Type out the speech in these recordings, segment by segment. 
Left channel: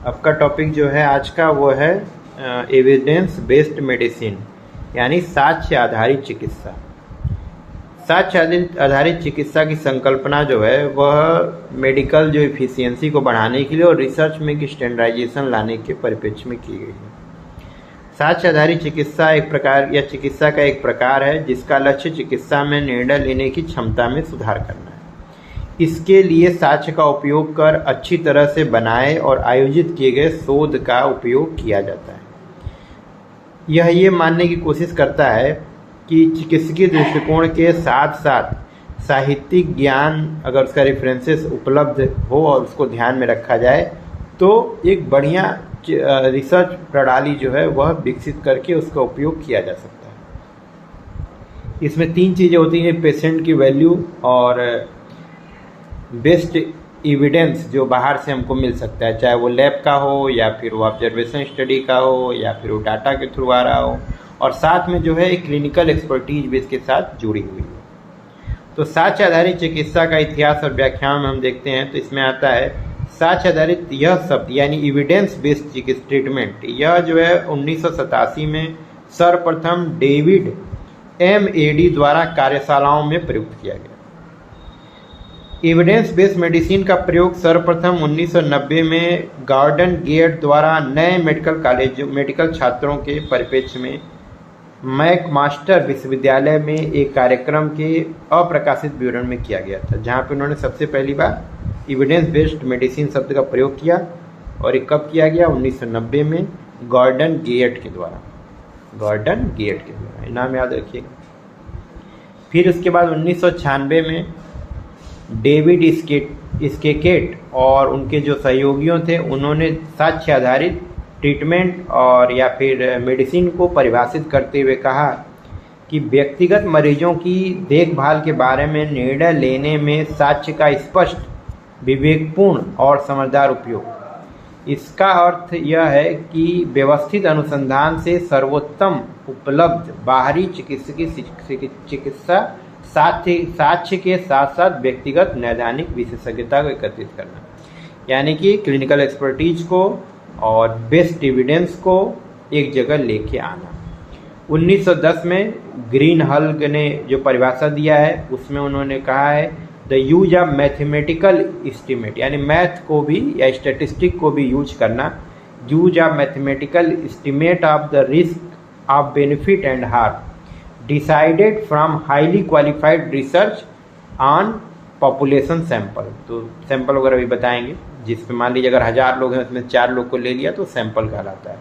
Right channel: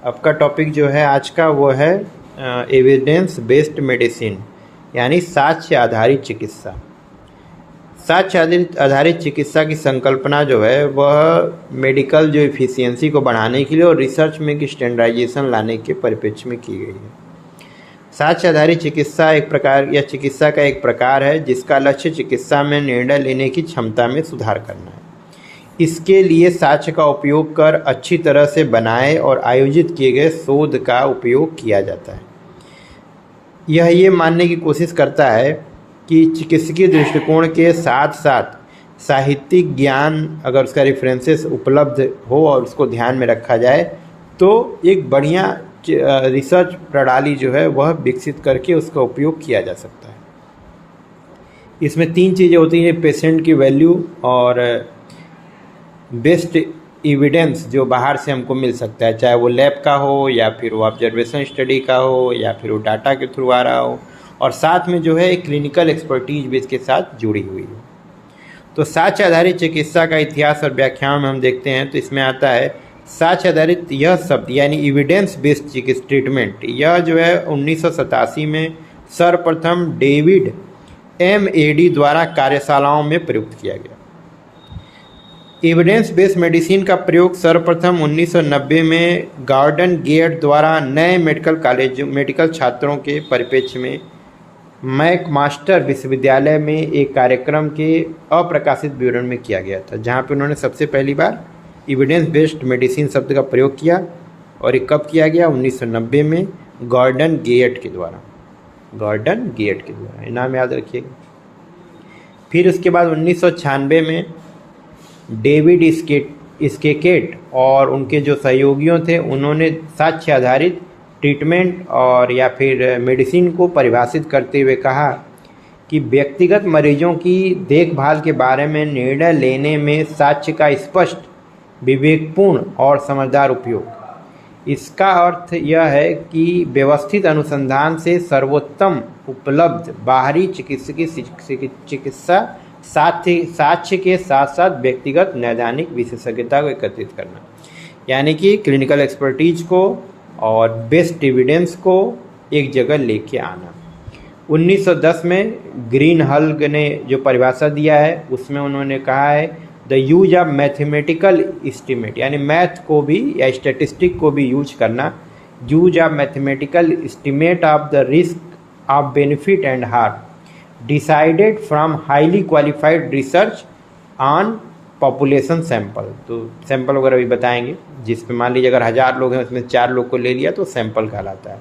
आपका टॉपिक जो है आज का वो है एविडेंस बेस्ड मेडिसिन, यानी साक्ष्य आधारित चिकित्सा। साक्ष्य आधारित चिकित्सा की संकल्पना जो है वह मेडिकल जो एफिशिएंसी को बढ़ाने के लिए और रिसर्च में की स्टैंडर्डाइजेशन लाने के परिप्रेक्ष्य में की गई है। साक्ष्य आधारित चिकित्सा चिकित्सा का एक प्रकार है जिसका लक्ष्य चिकित्सा में निर्णय लेने की क्षमता में सुधार करना है। इसके लिए साक्ष्य का उपयोग कर अच्छी तरह से बनाए और आयोजित किए गए शोध का उपयोग किया जाता है। यह ये मानने की कोशिश करता है कि चिकित्सकीय दृष्टिकोण के साथ साथ साहित्यिक ज्ञान अगर उसका रेफरेंसेस उपलब्ध हो और उसको ध्यान में रखा जाए तो एक बढ़िया रिसर्च प्रणाली जो है वह विकसित करके उसका उपयोग किया जा सकता है। इसमें 3 चीज़ें होती हैं, पेशेंट की वैल्यू और बेस्ट एविडेंस जो बाहर से हमको मिल सकता है, चाहे वो लैब का हो या फिर वो ऑब्जर्वेशन स्टडी का हो या फिर वो डाटा के थ्रू आ रहा हो, और साथ में जो है एक क्लिनिकल एक्सपर्टीज भी इसके साथ जुड़ी हुई हो। तो साक्ष्य आधारित चिकित्सा का इतिहास और व्याख्यान में हम देखते हैं तो इसमें आता है साक्ष्य आधारित यह शब्द यानी एविडेंस बेस्ड ट्रीटमेंट, यह जो है 1987 में सर्वप्रथम डेविड एमएडी द्वारा कार्यशालाओं में प्रयुक्त किया गया। एविडेंस बेस्ड मेडिसिन का प्रयोग सर्वप्रथम 1990 में गॉर्डन गेट द्वारा नए मेडिकल छात्रों के परिप्रेक्ष्य में मैकमास्टर विश्वविद्यालय में एक कार्यक्रम के अप्रकाशित विवरण में किया गया था, जहां पे उन्होंने सबसे पहली बार एविडेंस बेस्ड मेडिसिन शब्द का प्रयोग किया। और ये कब किया गया? 1990 में गॉर्डन गेट के द्वारा, नाम याद रखिएगा। फिर उसके बाद 1996 में डेविड स्केकेट और उनके जो सहयोगियों थे उन्होंने साक्ष्य आधारित ट्रीटमेंट और या फिर मेडिसिन को परिभाषित करते हुए कहा कि व्यक्तिगत मरीजों की देखभाल के बारे में निर्णय लेने में साक्ष्य का स्पष्ट, विवेकपूर्ण और समझदार उपयोग। इसका अर्थ यह है कि व्यवस्थित अनुसंधान से सर्वोत्तम उपलब्ध बाहरी चिकित्सा साक्ष्य के साथ साथ व्यक्तिगत नैदानिक विशेषज्ञता को एकत्रित करना, यानी कि क्लिनिकल एक्सपर्टीज को और बेस्ट एविडेंस को एक जगह लेके आना। 1910 में ग्रीन हल्ग ने जो परिभाषा दिया है उसमें उन्होंने कहा है the use of mathematical estimate, यानी मैथ को भी या स्टैटिस्टिक को भी यूज करना, use of mathematical estimate of the risk of benefit and harm decided from highly qualified research on population sample. तो सैंपल वगैरह भी बताएंगे, जिस पे मान लीजिए अगर 1000 लोग हैं उसमें 4 लोग को ले लिया तो सैंपल कहलाता है।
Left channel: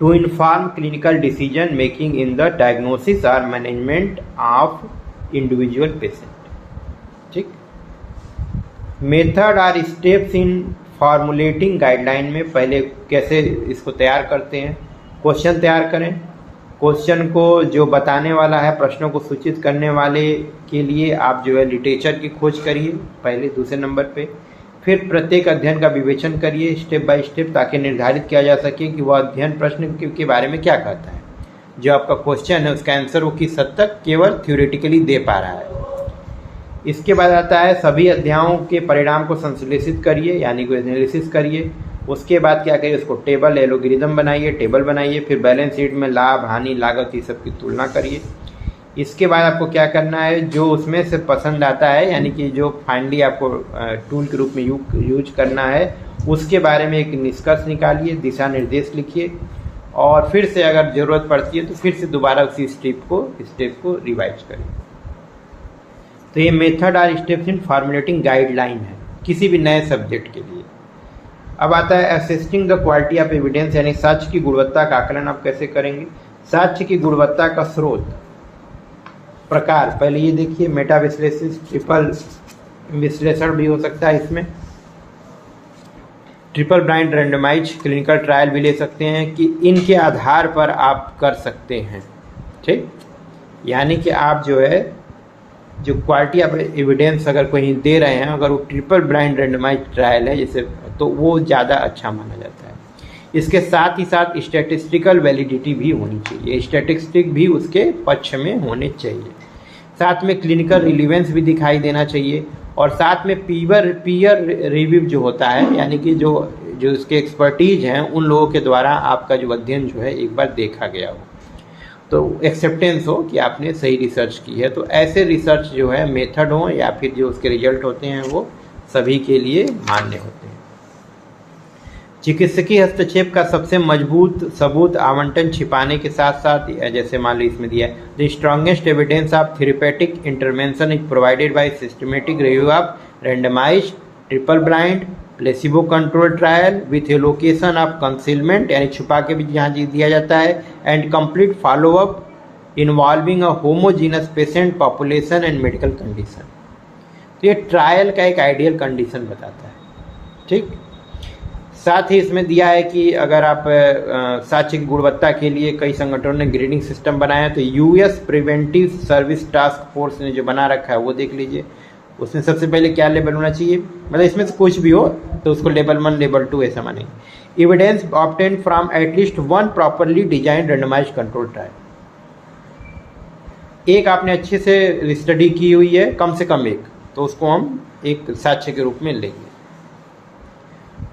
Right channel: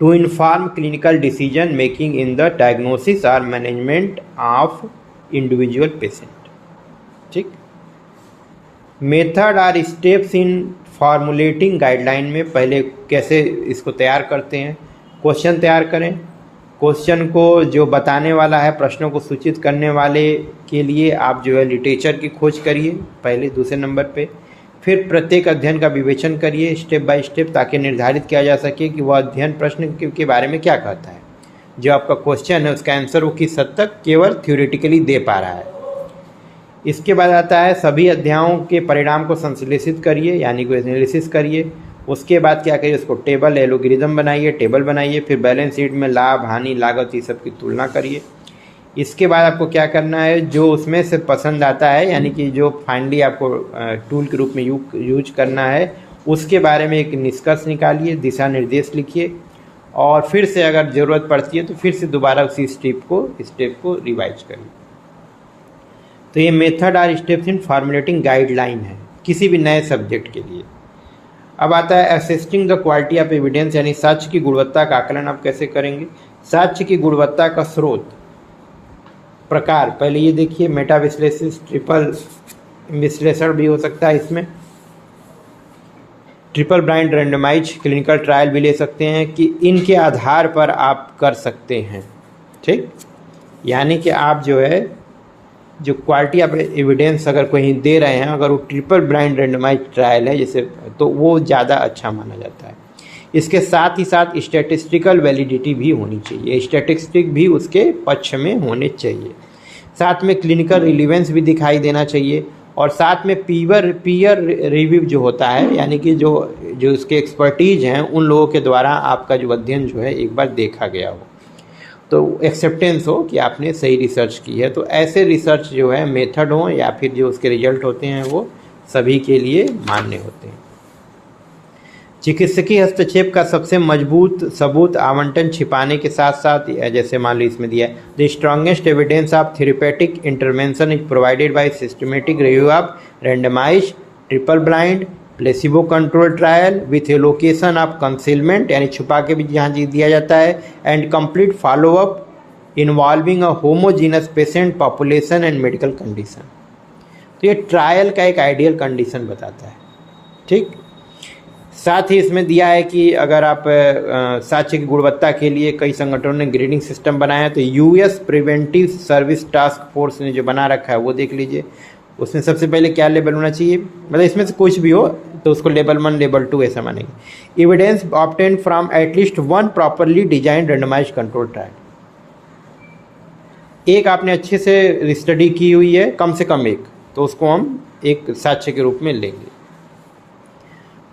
To inform clinical decision making in the diagnosis और मैनेजमेंट ऑफ इंडिविजुअल पेशेंट। ठीक, मेथड और स्टेप्स इन फॉर्मुलेटिंग गाइडलाइन में पहले कैसे इसको तैयार करते हैं। क्वेश्चन तैयार करें, क्वेश्चन को जो बताने वाला है, प्रश्नों को सूचित करने वाले के लिए आप जो है लिटरेचर की खोज करिए पहले, दूसरे नंबर पे। फिर प्रत्येक अध्ययन का विवेचन करिए स्टेप बाय स्टेप, ताकि निर्धारित किया जा सके कि वह अध्ययन प्रश्न के बारे में क्या कहता है। जो आपका क्वेश्चन है उसका आंसर वो किस हद तक केवल थ्योरेटिकली दे पा रहा है। इसके बाद आता है सभी अध्यायों के परिणाम को संश्लेषित करिए, यानी कि एनालिसिस करिए। उसके बाद क्या करिए, उसको टेबल एलोगरिदम बनाइए, टेबल बनाइए। फिर बैलेंस शीट में लाभ, हानि, लागत ये सब की तुलना करिए। इसके बाद आपको क्या करना है, जो उसमें से पसंद आता है, यानी कि जो फाइनली आपको टूल के रूप में यूज करना है, उसके बारे में एक निष्कर्ष निकालिए, दिशा निर्देश लिखिए और फिर से अगर ज़रूरत पड़ती है तो फिर से दोबारा उसी स्टेप को रिवाइज करिए। तो ये मेथड और स्टेप्स इन फॉर्मुलेटिंग गाइडलाइन है किसी भी नए सब्जेक्ट के लिए। अब आता है assessing the quality of evidence, यानी साक्ष्य की गुणवत्ता का आकलन आप कैसे करेंगे। साक्ष्य की गुणवत्ता का स्रोत प्रकार पहले ये देखिए, मेटा विश्लेषण, ट्रिपल विश्लेषण भी हो सकता है, इसमें triple blind randomise clinical trial भी ले सकते हैं, कि इनके आधार पर आप कर सकते हैं। ठीक, यानी कि आप जो है जो क्वालिटी ऑफ एविडेंस अगर कहीं दे रहे हैं, अगर वो ट्रिपल ब्लाइंड रैंडमाइज ट्रायल है जैसे, तो वो ज़्यादा अच्छा माना जाता है। इसके साथ ही साथ स्टैटिस्टिकल वैलिडिटी भी होनी चाहिए, स्टैटिस्टिक भी उसके पक्ष में होने चाहिए। साथ में क्लिनिकल रिलीवेंस भी दिखाई देना चाहिए और साथ में पीयर रिव्यू जो होता है, यानी कि जो जो उसके एक्सपर्टीज हैं उन लोगों के द्वारा आपका जो अध्ययन जो है एक बार देखा गया हो, तो एक्सेप्टेंस हो कि आपने सही रिसर्च की है। तो ऐसे रिसर्च जो है मेथड हो या फिर जो उसके रिजल्ट होते हैं वो सभी के लिए मान्य होते हैं। चिकित्सकीय हस्तक्षेप का सबसे मजबूत सबूत आवंटन छिपाने के साथ साथ, जैसे मान लो इसमें दिया है, the strongest evidence of therapeutic intervention is provided by systematic review of randomized triple blind placebo control trial with a location of concealment, यानी छुपा के भी जहाँ दिया जाता है, and complete follow up involving a homogeneous patient population and medical condition. तो ये ट्रायल का एक आइडियल कंडीशन बताता है। ठीक, साथ ही इसमें दिया है कि अगर आप साक्ष्य की गुणवत्ता के लिए कई संगठनों ने ग्रेडिंग सिस्टम बनाया है, तो US preventive service task force ने जो बना रखा है वो देख लीजिए। उसमें सबसे पहले क्या लेवल होना चाहिए, मतलब इसमें से कुछ भी हो तो उसको लेवल 1 लेवल 2 ऐसा मानेंगे। Evidence obtained from at least 1 properly design randomised control trial, एक आपने अच्छे से स्टडी की हुई है कम से कम एक, तो उसको हम एक साक्ष्य के रूप में लेंगे।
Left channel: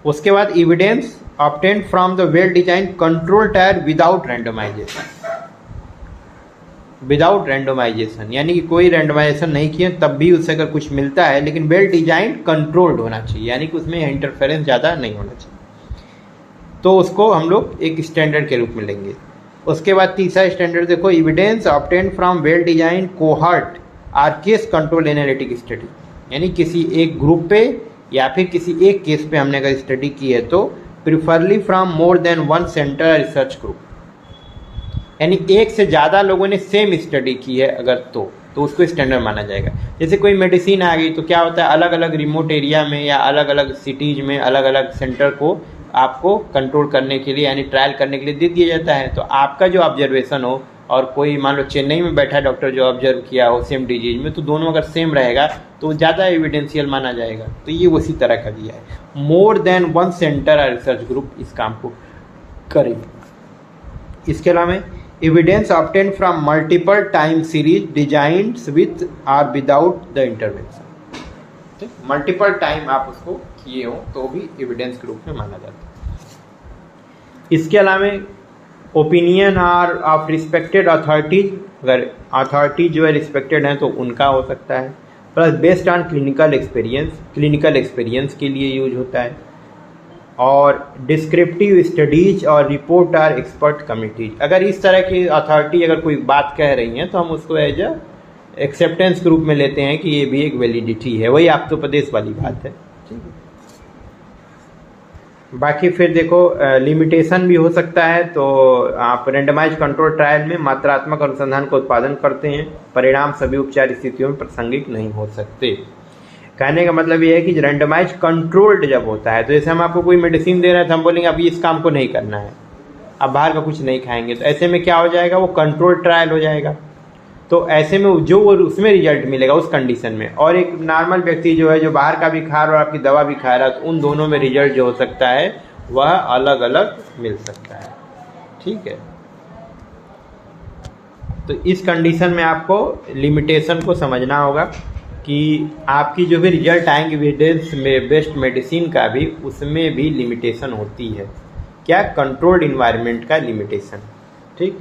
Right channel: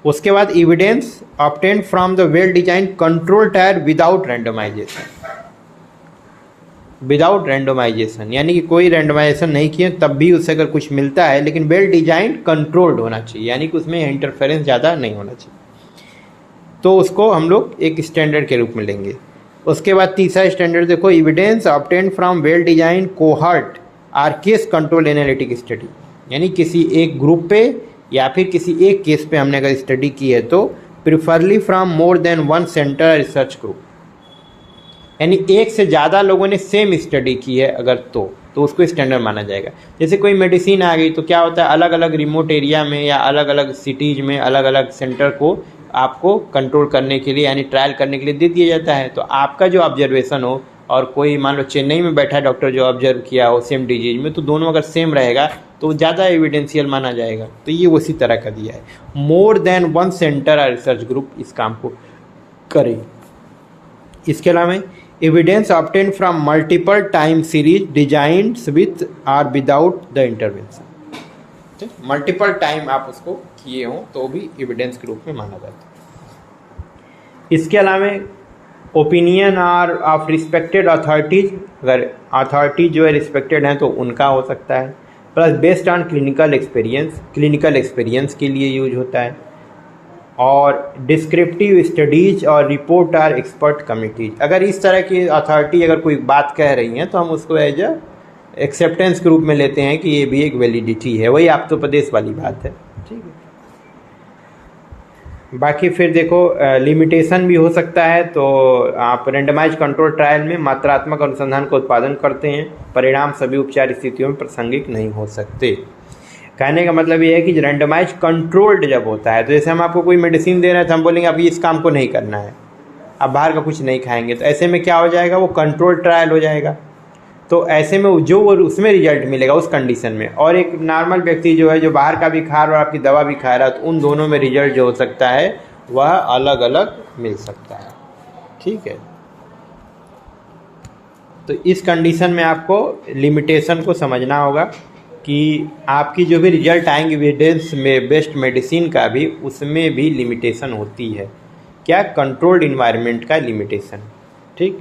उसके बाद evidence obtained from the well design control trial without randomization, without randomization यानी कि कोई रैंडमाइजेशन नहीं किए तब भी उससे अगर कुछ मिलता है, लेकिन वेल डिजाइन कंट्रोल्ड होना चाहिए, यानी कि उसमें इंटरफेरेंस ज़्यादा नहीं होना चाहिए, तो उसको हम लोग एक स्टैंडर्ड के रूप में लेंगे। उसके बाद तीसरा स्टैंडर्ड देखो, evidence obtained from well design cohort or case control analytic study, यानी किसी एक ग्रुप पे या फिर किसी एक केस पे हमने अगर स्टडी की है तो preferably from more than 1 centre research group, यानी एक से ज़्यादा लोगों ने सेम स्टडी की है अगर तो उसको स्टैंडर्ड माना जाएगा। जैसे कोई मेडिसिन आ गई तो क्या होता है, अलग अलग रिमोट एरिया में या अलग अलग सिटीज़ में अलग अलग सेंटर को आपको कंट्रोल करने के लिए यानी ट्रायल करने के लिए दे दिया जाता है। तो आपका जो ऑब्जर्वेशन हो और कोई मान लो चेन्नई में बैठा है डॉक्टर जो ऑब्जर्व किया हो सेम डिजीज में, तो दोनों अगर सेम रहेगा तो ज़्यादा एविडेंशियल माना जाएगा। तो ये उसी तरह का दिया है, मोर देन 1 सेंटर और रिसर्च ग्रुप इस काम को करें। इसके अलावा evidence obtained from multiple time series designed with or without the intervention, ठीक, मल्टीपल टाइम आप उसको किए हो तो भी एविडेंस के रूप में माना जाता है। इसके अलावा opinion or of respected authorities, अगर अथॉरिटी जो है रिस्पेक्टेड हैं तो उनका हो सकता है, plus based on clinical experience के लिए यूज होता है, और डिस्क्रिप्टिव स्टडीज और रिपोर्ट आर एक्सपर्ट कमिटीज। अगर इस तरह की अथॉरिटी अगर कोई बात कह रही है तो हम उसको एज ए एक्सेप्टेंस के रूप में लेते हैं कि ये भी एक वैलिडिटी है, वही आप्तोपदेश वाली बात है। ठीक है, बाकी फिर देखो लिमिटेशन भी हो सकता है। तो आप रेंडमाइज कंट्रोल ट्रायल में मात्रात्मक अनुसंधान का उत्पादन करते हैं, परिणाम सभी उपचार स्थितियों में प्रासंगिक नहीं हो सकते। कहने का मतलब ये है कि रैंडमाइज कंट्रोल्ड जब होता है, तो जैसे हम आपको कोई मेडिसिन दे रहे हैं तो हम बोलेंगे अभी इस काम को नहीं करना है, आप बाहर का कुछ नहीं खाएंगे, तो ऐसे में क्या हो जाएगा, वो कंट्रोल ट्रायल हो जाएगा। तो ऐसे में जो उसमें रिजल्ट मिलेगा उस कंडीशन में, और एक नॉर्मल व्यक्ति जो है जो बाहर का भी खा रहा है और आपकी दवा भी खा रहा है, तो उन दोनों में रिजल्ट जो हो सकता है वह अलग अलग मिल सकता है। ठीक है, तो इस कंडीशन में आपको लिमिटेशन को समझना होगा कि आपकी जो भी रिजल्ट आएंगे एविडेंस में बेस्ड मेडिसिन का भी, उसमें भी लिमिटेशन होती है। क्या, कंट्रोल्ड इन्वायरमेंट का लिमिटेशन। ठीक,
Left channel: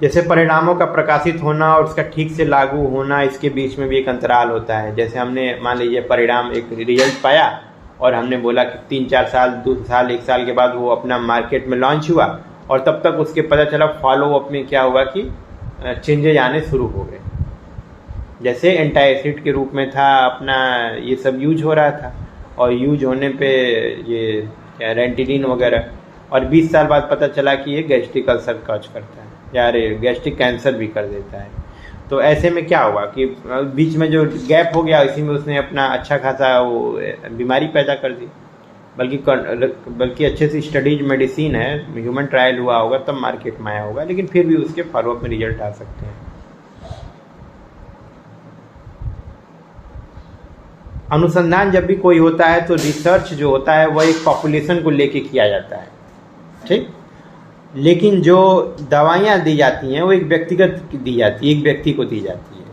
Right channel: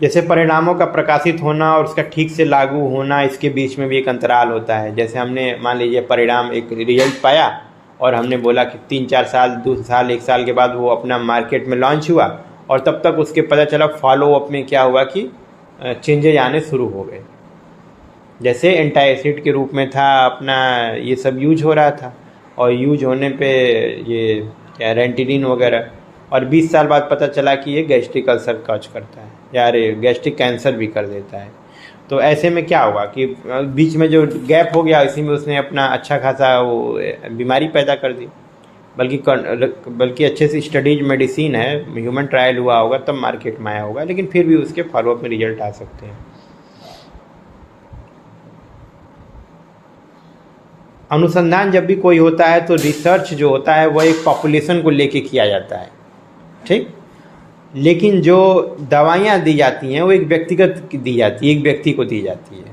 जैसे परिणामों का प्रकाशित होना और उसका ठीक से लागू होना, इसके बीच में भी एक अंतराल होता है। जैसे हमने मान लीजिए परिणाम एक रिजल्ट पाया और हमने बोला कि 3-4 साल 2 साल 1 साल के बाद वो अपना मार्केट में लॉन्च हुआ, और तब तक उसके पता चला फॉलोअप में क्या हुआ कि चेंजेज आने शुरू हो गए। जैसे एंटासिड के रूप में था अपना ये सब यूज हो रहा था, और यूज होने पे ये क्या रेंटिलिन वगैरह, और 20 साल बाद पता चला कि ये गैस्ट्रिक अल्सर कॉज करता है या गैस्ट्रिक कैंसर भी कर देता है। तो ऐसे में क्या होगा कि बीच में जो गैप हो गया इसी में उसने अपना अच्छा खासा वो बीमारी पैदा कर दी। बल्कि अच्छे से स्टडीज मेडिसिन है, ह्यूमन ट्रायल हुआ होगा तब मार्केट में आया होगा, लेकिन फिर भी उसके फॉलोअप में रिजल्ट आ सकते हैं। अनुसंधान जब भी कोई होता है तो रिसर्च जो होता है वह एक पॉपुलेशन को लेके किया जाता है। ठीक, लेकिन जो दवाइयाँ दी जाती हैं वो एक व्यक्तिगत दी जाती है, एक व्यक्ति को दी जाती है।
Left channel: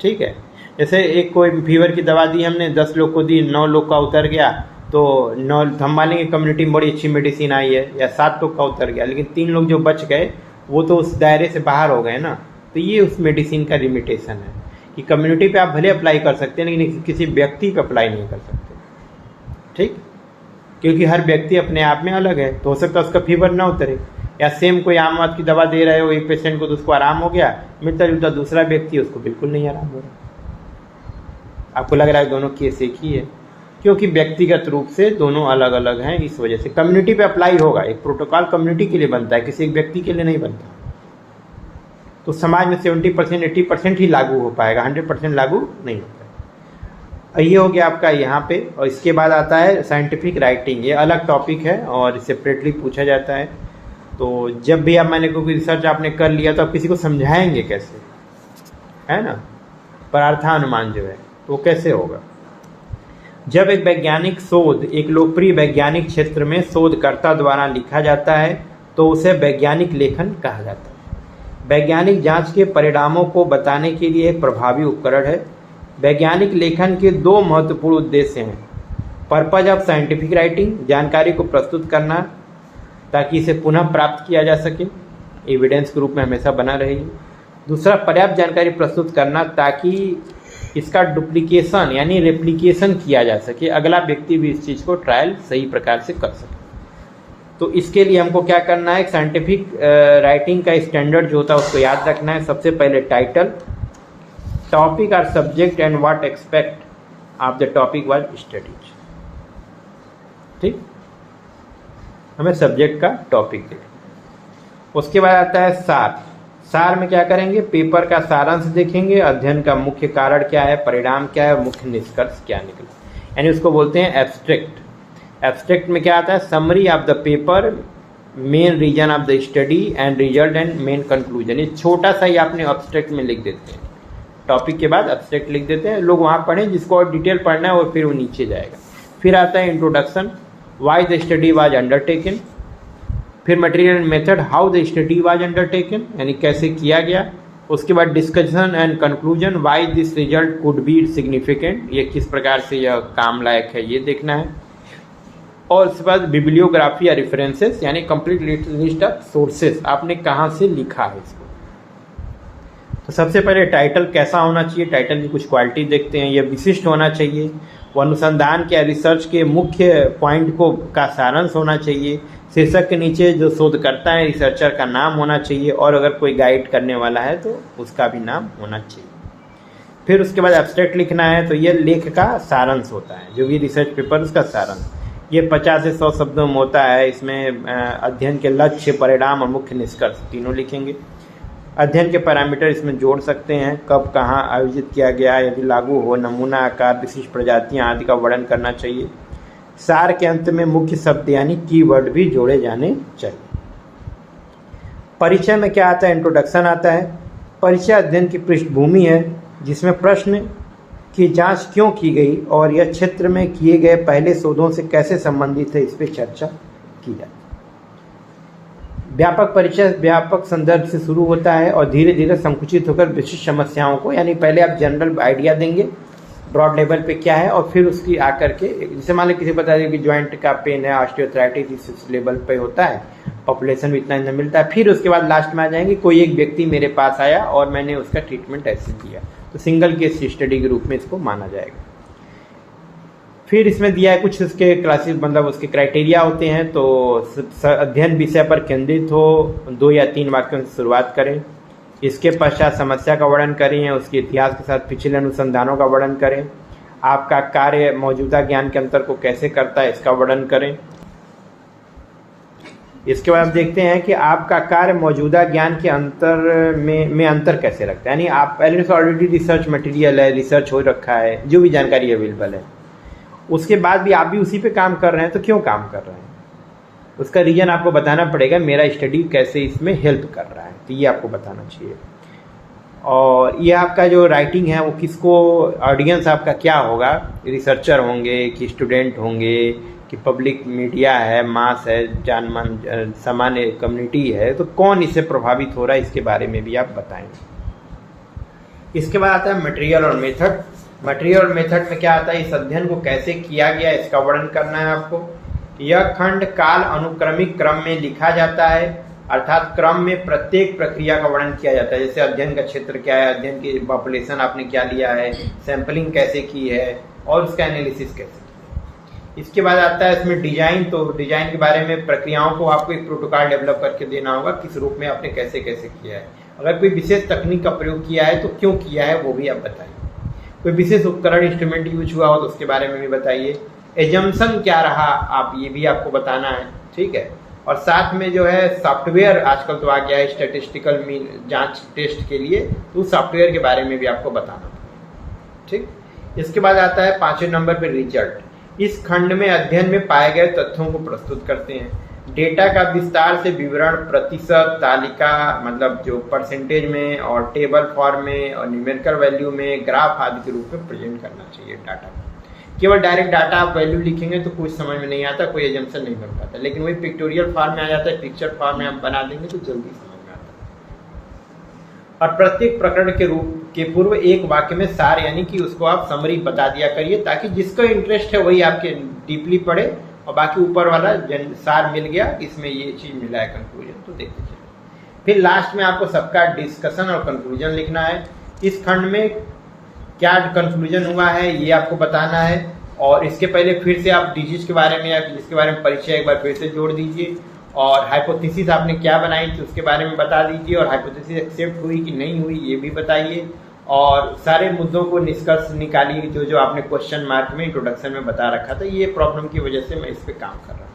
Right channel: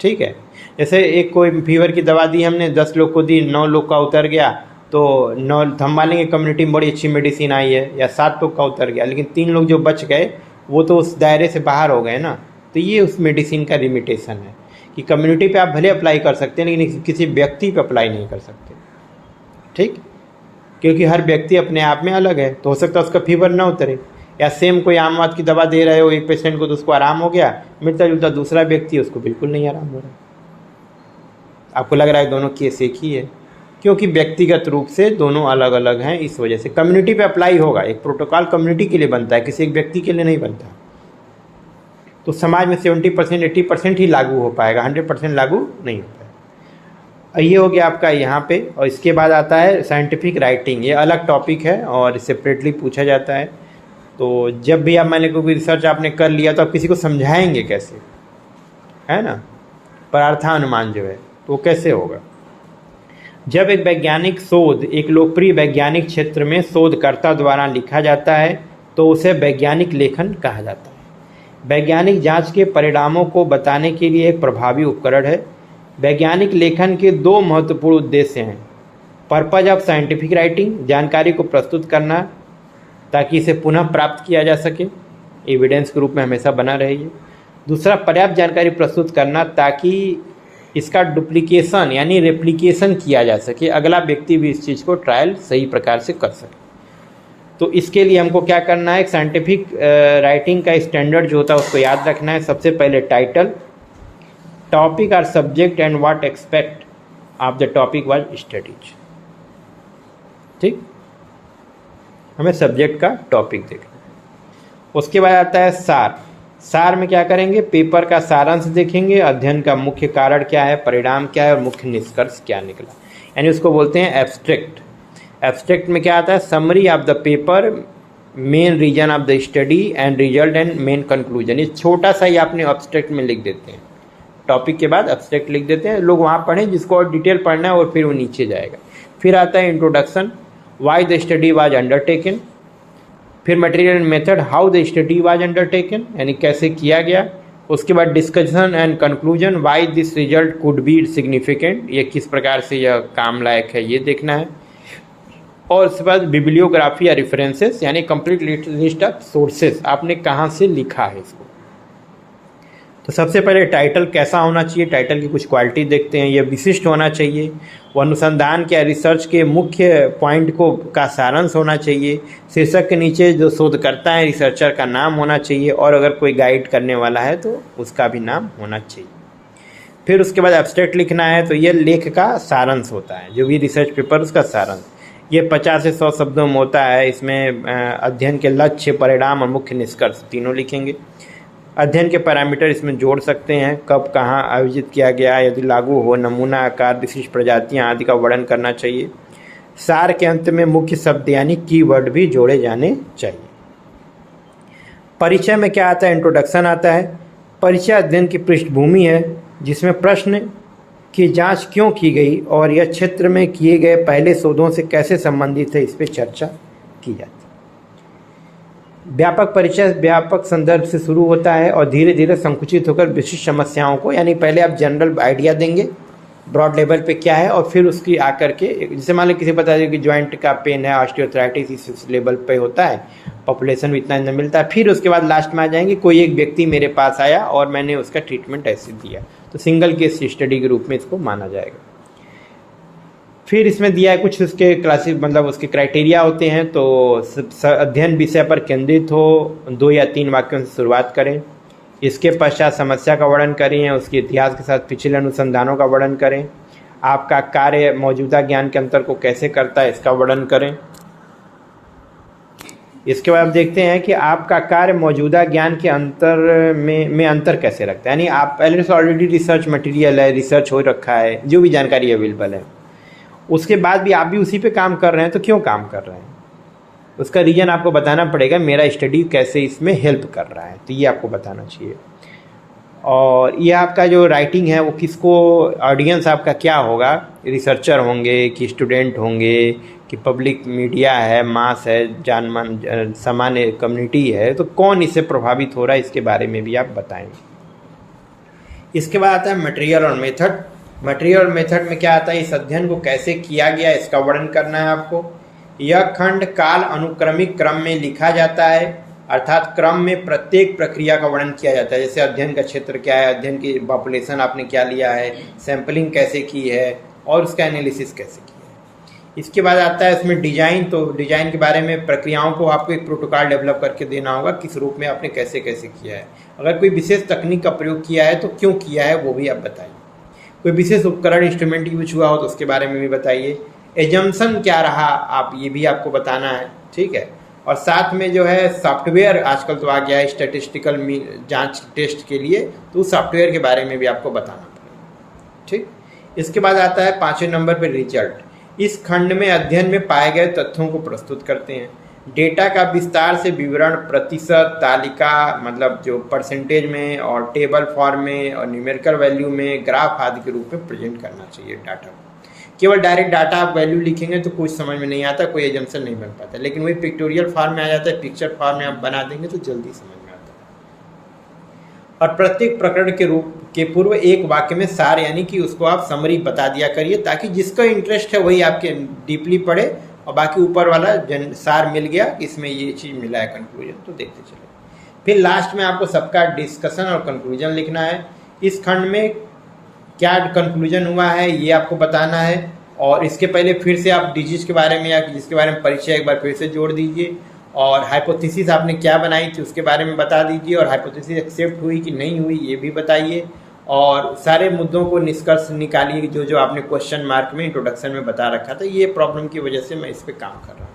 ठीक है, जैसे एक कोई फीवर की दवा दी हमने, 10 लोग को दी, 9 लोग का उतर गया, तो 9 हम मानेंगे कम्युनिटी में बड़ी अच्छी मेडिसिन आई है, या 7 लोग का उतर गया, लेकिन 3 लोग जो बच गए वो तो उस दायरे से बाहर हो गए ना। तो ये उस मेडिसिन का लिमिटेशन है कि कम्युनिटी पे आप भले अप्लाई कर सकते हैं लेकिन किसी व्यक्ति पे अप्लाई नहीं कर सकते, ठीक, क्योंकि हर व्यक्ति अपने आप में अलग है। तो हो सकता है उसका फीवर ना उतरे, या सेम कोई आम आदमी की दवा दे रहे हो एक पेशेंट को तो उसको आराम हो गया, मिलता जुलता दूसरा व्यक्ति उसको बिल्कुल नहीं आराम हो रहा। आपको लग रहा है दोनों केस एक ही है, क्योंकि व्यक्तिगत रूप से दोनों अलग अलग हैं। इस वजह से कम्युनिटी पे अप्लाई होगा, एक प्रोटोकॉल कम्युनिटी के लिए बनता है, किसी एक व्यक्ति के लिए नहीं बनता। तो समाज में 70% 80% ही लागू हो पाएगा, 100% लागू नहीं हो पाएगा। ये हो गया आपका यहाँ पे। और इसके बाद आता है साइंटिफिक राइटिंग, ये अलग टॉपिक है और सेपरेटली पूछा जाता है। तो जब भी आप, मैंने कोई रिसर्च आपने कर लिया तो आप किसी को समझाएंगे कैसे, है ना, परार्थानुमान जो है तो कैसे होगा। जब एक वैज्ञानिक शोध एक लोकप्रिय वैज्ञानिक क्षेत्र में शोधकर्ता द्वारा लिखा जाता है तो उसे वैज्ञानिक लेखन कहा जाता है। वैज्ञानिक जांच के परिणामों को बताने के लिए एक प्रभावी उपकरण है। वैज्ञानिक लेखन के 2 महत्वपूर्ण उद्देश्य हैं। पर्पज ऑफ साइंटिफिक राइटिंग, जानकारी को प्रस्तुत करना ताकि इसे पुनः प्राप्त किया जा सके, एविडेंस के रूप में हमेशा बना रहे। दूसरा, पर्याप्त जानकारी प्रस्तुत करना ताकि इसका डुप्लीकेशन यानी रेप्लिकेशन किया जा सके, अगला व्यक्ति भी इस चीज़ को ट्रायल सही प्रकार से कर सके। तो इसके लिए हमको क्या करना है, एक साइंटिफिक राइटिंग का स्टैंडर्ड जो होता है उसको याद रखना है। सबसे पहले टाइटल, टॉपिक और subject and what expect of the topic was studies, ठीक, हमें सब्जेक्ट का टॉपिक देखना। उसके बाद आता है सार। सार में क्या करेंगे, पेपर का सारांश देखेंगे, अध्ययन का मुख्य कारण क्या है, परिणाम क्या है, मुख्य निष्कर्ष क्या निकला, यानी उसको बोलते हैं एब्स्ट्रैक्ट। एब्स्ट्रैक्ट में क्या आता है, summary of the paper, main reason of the study and result and main conclusion. ये छोटा सा ही आपने एब्स्ट्रैक्ट में लिख देते हैं, टॉपिक के बाद एब्स्ट्रैक्ट लिख देते हैं, लोग वहाँ पढ़ें जिसको और डिटेल पढ़ना है और फिर वो नीचे जाएगा। फिर आता है introduction, why the study was undertaken. फिर material and method, how the study was undertaken, यानी कैसे किया गया। उसके बाद discussion and conclusion, why this result could be significant, ये किस प्रकार से यह काम लायक है ये देखना है। और उसके बाद बिब्लियोग्राफी या रेफरेंसेस, यानी कंप्लीट लिस्ट ऑफ सोर्सेस, आपने कहाँ से लिखा है इसको। तो सबसे पहले टाइटल कैसा होना चाहिए, टाइटल की कुछ क्वालिटी देखते हैं। यह विशिष्ट होना चाहिए, वो अनुसंधान के रिसर्च के मुख्य पॉइंट को का सारांश होना चाहिए। शीर्षक के नीचे जो शोधकर्ता है, रिसर्चर का नाम होना चाहिए, और अगर कोई गाइड करने वाला है तो उसका भी नाम होना चाहिए। फिर उसके बाद एब्स्ट्रैक्ट लिखना है, तो ये लेख का सारांश होता है, जो भी रिसर्च पेपर उसका सारांश। ये 50 से 100 शब्दों में होता है। इसमें अध्ययन के लक्ष्य, परिणाम और मुख्य निष्कर्ष तीनों लिखेंगे। अध्ययन के पैरामीटर इसमें जोड़ सकते हैं, कब कहाँ आयोजित किया गया, यदि लागू हो, नमूना आकार, विशिष्ट प्रजातियाँ आदि का वर्णन करना चाहिए। सार के अंत में मुख्य शब्द यानी कीवर्ड भी जोड़े जाने चाहिए। परिचय में क्या आता है, इंट्रोडक्शन आता है। परिचय अध्ययन की पृष्ठभूमि है जिसमें प्रश्न की जांच क्यों की गई और यह क्षेत्र में किए गए पहले शोधों से कैसे संबंधित है, इस पर चर्चा की जाती है। व्यापक परिचय व्यापक संदर्भ से शुरू होता है और धीरे धीरे संकुचित होकर विशिष्ट समस्याओं को, यानी पहले आप जनरल आइडिया देंगे ब्रॉड लेवल पे क्या है, और फिर उसकी आकर के, जैसे मान लो किसी बता दें कि जॉइंट का पेन है, ऑस्टियोआर्थराइटिस, इस लेवल पे होता है, पॉपुलेशन भी इतना मिलता है। फिर उसके बाद लास्ट में आ जाएंगे, कोई एक व्यक्ति मेरे पास आया और मैंने उसका ट्रीटमेंट ऐसे दिया, तो सिंगल केस स्टडी के रूप में इसको माना जाएगा। फिर इसमें दिया है कुछ उसके क्लासेस, मतलब उसके क्राइटेरिया होते हैं। तो अध्ययन विषय पर केंद्रित हो, 2 या 3 वाक्यों से शुरुआत करें। इसके पश्चात समस्या का वर्णन करें, उसके इतिहास के साथ पिछले अनुसंधानों का वर्णन करें। आपका कार्य मौजूदा ज्ञान के अंतर को कैसे करता है, इसका वर्णन करें। इसके बाद देखते हैं कि आपका कार्य मौजूदा ज्ञान के अंतर में अंतर कैसे रखता है, यानी आप पहले से ऑलरेडी रिसर्च मटेरियल है, रिसर्च हो रखा है, जो भी जानकारी अवेलेबल है, उसके बाद भी आप भी उसी पे काम कर रहे हैं, तो क्यों काम कर रहे हैं, उसका रीजन आपको बताना पड़ेगा। मेरा स्टडी कैसे इसमें हेल्प कर रहा है, तो ये आपको बताना चाहिए। और ये आपका जो राइटिंग है वो किसको, ऑडियंस आपका क्या होगा, रिसर्चर होंगे कि स्टूडेंट होंगे कि पब्लिक मीडिया है, मास है, जानमान सामान्य कम्युनिटी है, तो कौन इससे प्रभावित हो रहा है, इसके बारे में भी आप बताएं। इसके बाद आता है मटेरियल और मेथड। मटेरियल और मेथड में क्या आता है, इस अध्ययन को कैसे किया गया इसका वर्णन करना है आपको। यह खंड काल अनुक्रमिक क्रम में लिखा जाता है, अर्थात क्रम में प्रत्येक प्रक्रिया का वर्णन किया जाता है। जैसे अध्ययन का क्षेत्र क्या है, अध्ययन की पॉपुलेशन आपने क्या लिया है, सैंपलिंग कैसे की है और उसका एनालिसिस कैसे किया है। इसके बाद आता है इसमें डिजाइन। तो डिजाइन के बारे में प्रक्रियाओं को आपको एक प्रोटोकॉल डेवलप करके देना होगा, किस रूप में आपने कैसे कैसे किया है। अगर कोई विशेष तकनीक का प्रयोग किया है तो क्यों किया है वो भी आप बताइए। कोई विशेष उपकरण इंस्ट्रूमेंट यूज हुआ हो तो उसके बारे में भी बताइए। एजम्पशन क्या रहा आप ये भी आपको बताना है, ठीक है। और साथ में जो है सॉफ्टवेयर आजकल तो आ गया है स्टैटिस्टिकल जांच टेस्ट के लिए, तो उस सॉफ्टवेयर के बारे में भी आपको बताना पड़ेगा, ठीक। इसके बाद आता है 5वें नंबर पर रिजल्ट। इस खंड में अध्ययन में पाए गए तथ्यों को प्रस्तुत करते हैं। डेटा का विस्तार से विवरण प्रतिशत, तालिका मतलब जो परसेंटेज में, और टेबल फॉर्म में, और न्यूमेरिकल वैल्यू में, ग्राफ आदि के रूप में प्रेजेंट करना चाहिए डाटा। केवल डायरेक्ट डाटा आप वैल्यू लिखेंगे तो कुछ समझ में नहीं आता, कोई एजम्पशन नहीं बन पाता। लेकिन वही पिक्टोरियल फॉर्म में आ जाता है, पिक्चर फॉर्म में आप बना देंगे तो जल्दी समझ में आता है। और प्रत्येक प्रकरण के रूप के पूर्व एक वाक्य में सार यानी कि उसको आप समरी बता दिया करिए, ताकि जिसका इंटरेस्ट है वही आपके डीपली पढ़े, और बाकी ऊपर वाला सार मिल गया, इसमें ये चीज़ मिला है कंक्लूजन, तो देखते चले। फिर लास्ट में आपको सबका डिस्कशन और कंक्लूजन लिखना है। इस खंड में क्या कंक्लूजन हुआ है ये आपको बताना है, और इसके पहले फिर से आप डिजीज के बारे में या जिसके बारे में परिचय एक बार फिर से जोड़ दीजिए, और हाइपोथेसिस आपने क्या बनाई थी उसके बारे में बता दीजिए, और हाइपोथेसिस एक्सेप्ट हुई कि नहीं हुई ये भी बताइए, और सारे मुद्दों को निष्कर्ष निकालिए जो जो आपने क्वेश्चन मार्क में इंट्रोडक्शन में बता रखा था, ये प्रॉब्लम की वजह से मैं इस पर काम कर रहा हूँ,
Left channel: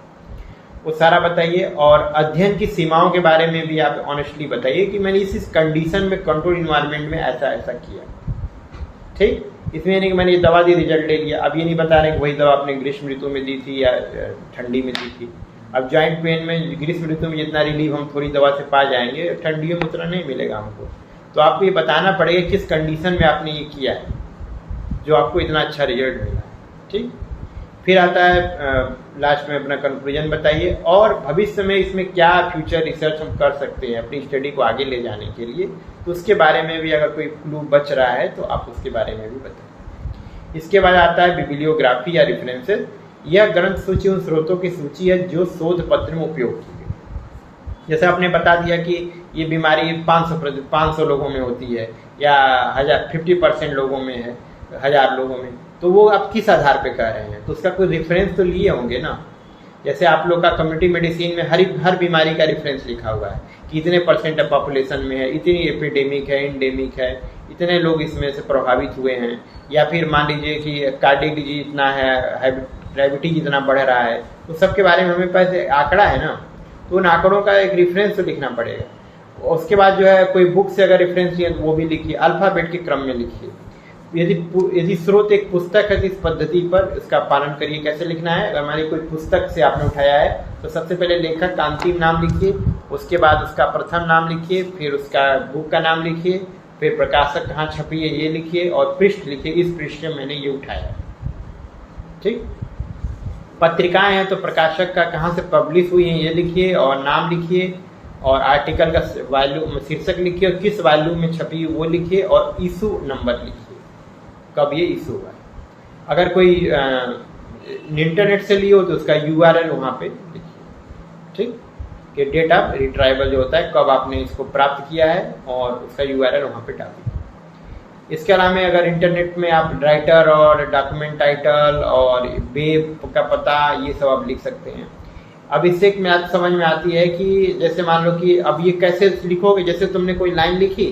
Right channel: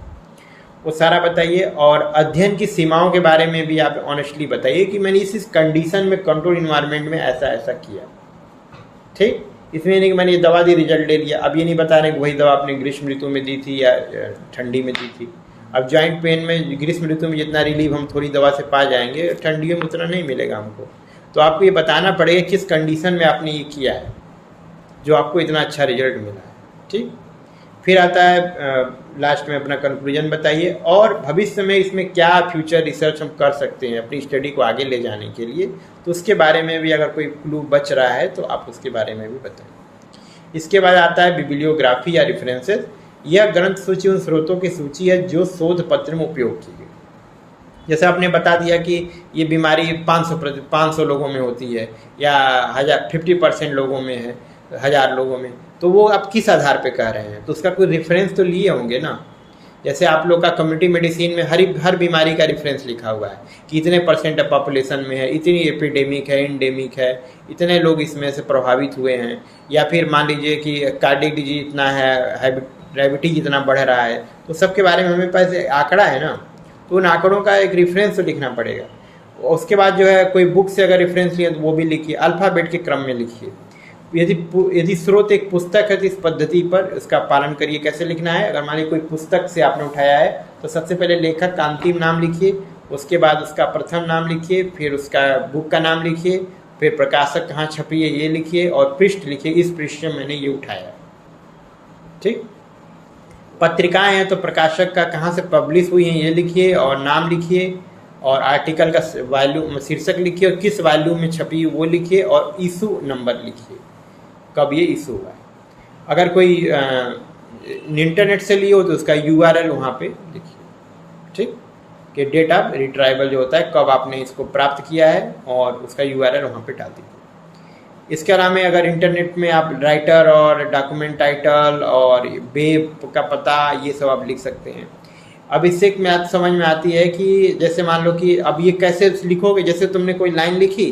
वो सारा बताइए। और अध्ययन की सीमाओं के बारे में भी आप ऑनेस्टली बताइए कि मैंने इस कंडीशन में कंट्रोल इन्वायरमेंट में ऐसा ऐसा किया, ठीक। इसमें नहीं कि मैंने ये दवा दी रिजल्ट ले लिया। अब ये नहीं बता रहे कि वही दवा आपने ग्रीष्म ऋतु में दी थी या ठंडी में दी थी। अब जॉइंट पेन में ग्रीष्म ऋतु में जितना रिलीफ हम थोड़ी दवा से पा जाएंगे, ठंडियों में उतना नहीं मिलेगा हमको। तो आपको ये बताना पड़ेगा किस कंडीशन में आपने ये किया है जो आपको इतना अच्छा रिजल्ट मिला है, ठीक। फिर आता है लास्ट में अपना कंक्लूजन बताइए, और भविष्य में इसमें क्या फ्यूचर रिसर्च हम कर सकते हैं अपनी स्टडी को आगे ले जाने के लिए, तो उसके बारे में भी अगर कोई क्लू बच रहा है तो आप उसके बारे में भी बताएं। इसके बाद आता है बिब्लियोग्राफी या रेफरेंसेस। यह ग्रंथ सूची उन स्रोतों की सूची है जो शोध पत्र में उपयोग की गई। जैसे आपने बता दिया कि ये बीमारी 500 लोगों में होती है, या 50% लोगों में है, 1000 लोगों में, तो वो आप किस आधार पे कह रहे हैं, तो उसका कोई रेफरेंस तो लिए होंगे ना। जैसे आप लोग का कम्युनिटी मेडिसिन में हर बीमारी का रेफरेंस लिखा हुआ है कि इतने % पॉपुलेशन में है, इतनी एपिडेमिक है, इंडेमिक है, इतने लोग इसमें से प्रभावित हुए हैं, या फिर मान लीजिए कि कार्डियक डिजीज इतना है, डायबिटीज इतना बढ़ रहा है, तो सबके बारे में हमें पास आंकड़ा है ना, तो उन आंकड़ों का एक रेफरेंस तो लिखना पड़ेगा। उसके बाद जो है कोई बुक से अगर रेफरेंस लिया तो वो भी लिखिए, अल्फ़ाबेट के क्रम में लिखिए। यदि स्रोत एक पुस्तक है तो इस पद्धति पर इसका पालन करिए। कैसे लिखना है, अगर मान लीजिए कोई पुस्तक से आपने उठाया है तो सबसे पहले लेखक का अंतिम नाम लिखिए, उसके बाद उसका प्रथम नाम लिखिए, फिर उसका बुक का नाम लिखिए, फिर प्रकाशक कहाँ छपी है ये लिखिए, और पृष्ठ लिखिए, इस पृष्ठ से मैंने ये उठाया, ठीक। पत्रिकाएं हैं तो प्रकाशक का कहाँ से पब्लिश हुई है ये लिखिए, और नाम लिखिए, और आर्टिकल का वॉल्यूम शीर्षक लिखिए, और किस वॉल्यूम में छपी वो लिखिए, और इशू नंबर लिखिए, कब ये इशू हुआ है। अगर कोई इंटरनेट से लिए हो तो उसका URL वहाँ पे लिखिए, ठीक, कि डेटा रिट्राइवल जो होता है कब आपने इसको प्राप्त किया है, और उसका URL वहाँ पे डाल दीजिए। इसके अलावा अगर इंटरनेट में आप राइटर और डॉक्यूमेंट टाइटल और वेब का पता ये सब आप लिख सकते हैं। अब इससे एक बात समझ में आती है कि जैसे मान लो कि अब ये कैसे लिखोगे, जैसे तुमने कोई लाइन लिखी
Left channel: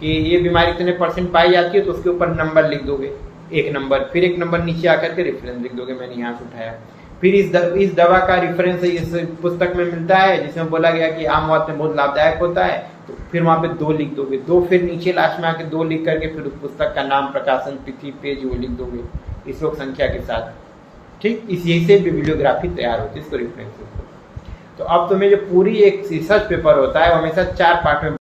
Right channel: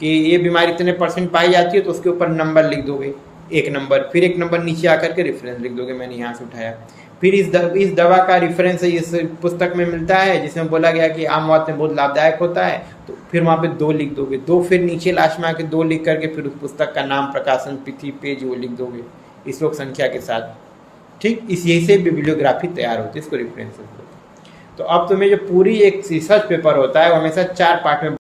कि ये बीमारी इतने % पाई जाती है, तो उसके ऊपर नंबर लिख दोगे, एक नंबर, फिर एक नंबर नीचे आकर के रेफरेंस लिख दोगे, मैंने यहाँ से उठाया। फिर इस दवा का रेफरेंस इस पुस्तक में मिलता है जिसमें बोला गया कि आम वात में बहुत लाभदायक होता है, तो फिर वहाँ पे 2 लिख दोगे, 2 फिर नीचे लास्ट में आके 2 लिख करके फिर उस पुस्तक का नाम, प्रकाशन तिथि, पेज वो लिख दोगे इस लोग संख्या के साथ, ठीक। यही से बिब्लियोग्राफी तैयार होती है, इसको रेफरेंस। तो अब तुम्हें जो पूरी एक रिसर्च पेपर होता है वो हमेशा 4 पार्ट में